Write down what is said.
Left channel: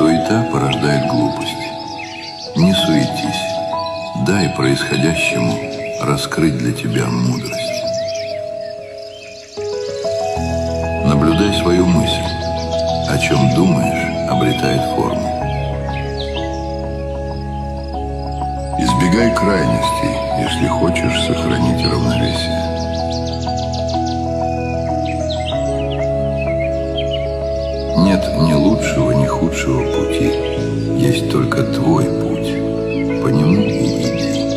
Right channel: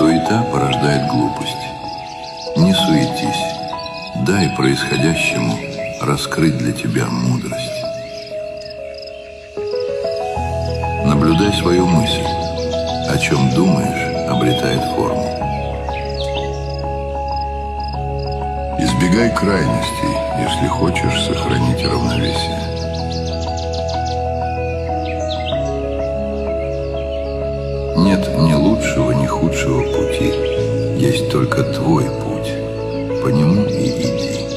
Суета порождает глупость. Не суетись, дай происходящему раскрыть для тебя мудрость. Наблюдай свою мысль. О чем думаешь, обретает форму. Избегай крайностей, если хочешь сохранить равновесие. Нет ни лучшего, ни худшего пути. Есть только твой путь. По нему и иди.